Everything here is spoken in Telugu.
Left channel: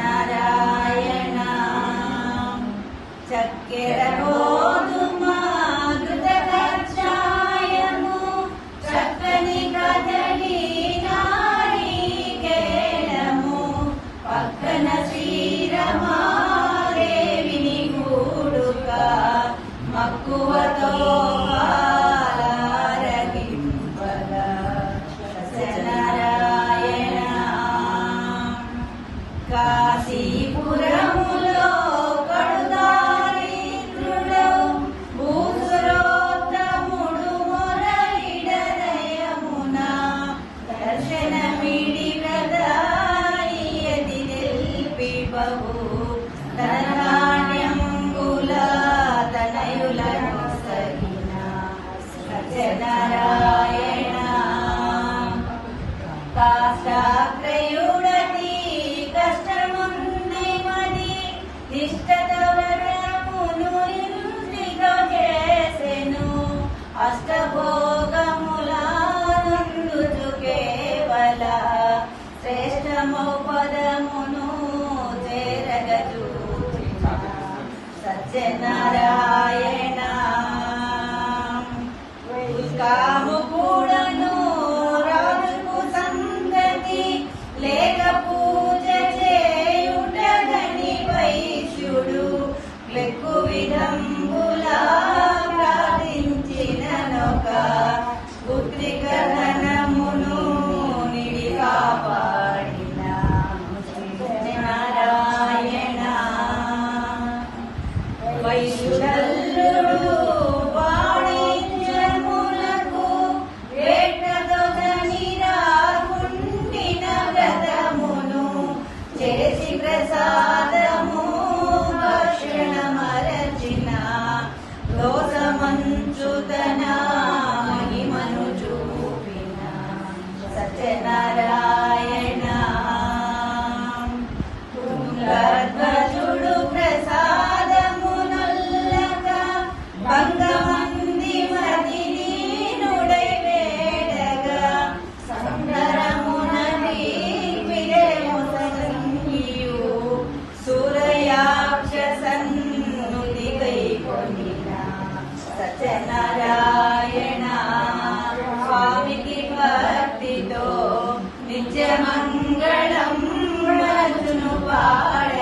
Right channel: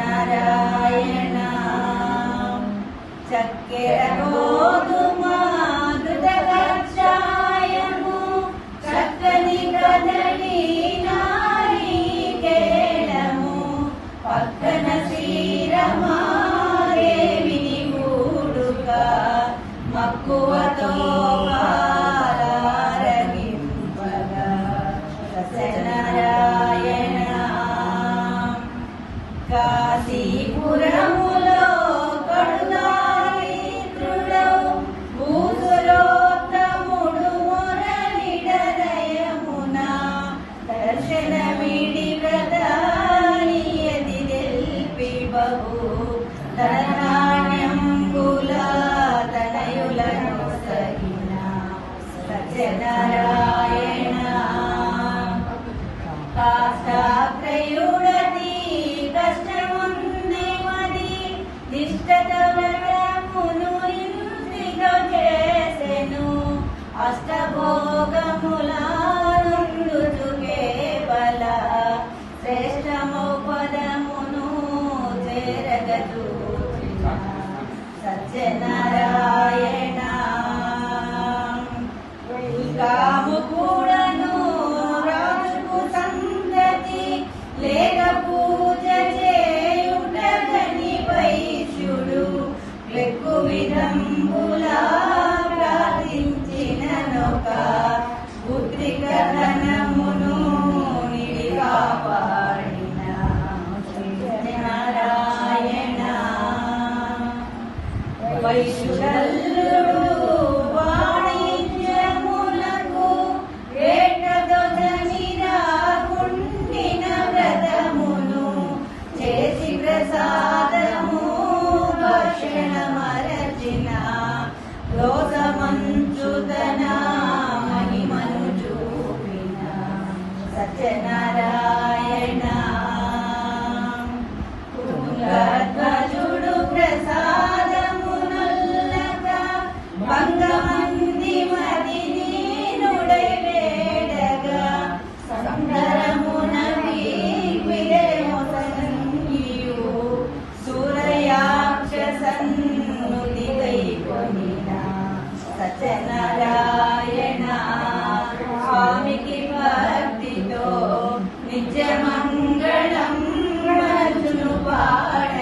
సత్యనారాయణ చక్కెర గోధుమ ఘృతకషాయము చక్కని కదలి నారికేళము పక్కన శ్రీరమాదేవిని కూడుక మక్కువతో పాలారగింపగా సత్యనారాయణ కాశీపురములో కడుదారిద్రుడౌ భూసురోత్తముడు మురళిడదయమున దర్శనమిడి ప్రదానియది నిల్పి బహు ధనధాన్యంబుల తనయులను సగిన సత్యనారాయణ కాష్టాగ్రయుడని కష్టముంది మది నిష్ఠత వ్రతమును ఇంటిగా చేసెను అష్టభోగములందుచు కేవల శ్రేష్టము పదమును చేరగజూచిన సత్యనారాయణ కాము కూడను రాజుకు సంగతి లేక పూజ చేయుటగని వైశ్యుడు లెక్కు విధంబులా ప్రార్థించిననొక పుత్రిక ధనమును నిడి కాపాడిన సత్యనారాయణ వైశ్యుడల్లుడు వాణిజ్యములకు వేటదొదని రాకుండిన వ్రతమును చేసి ప్రసాదము భక్షణ మరచిన దోషమంచుతన మహిమను చూపిన సత్యనారాయణ తుంగధ్వజుడు ప్రసాదమునల్లక భంగమంది మది నీనుడై వేడగా సందరమున వీర్విదేము సంగియు సూరయాక్షసన్నుతి గైకొనిన సత్యనారాయణ స్వామికి భక్తితో నిత్యమంగళం మనసును పాడ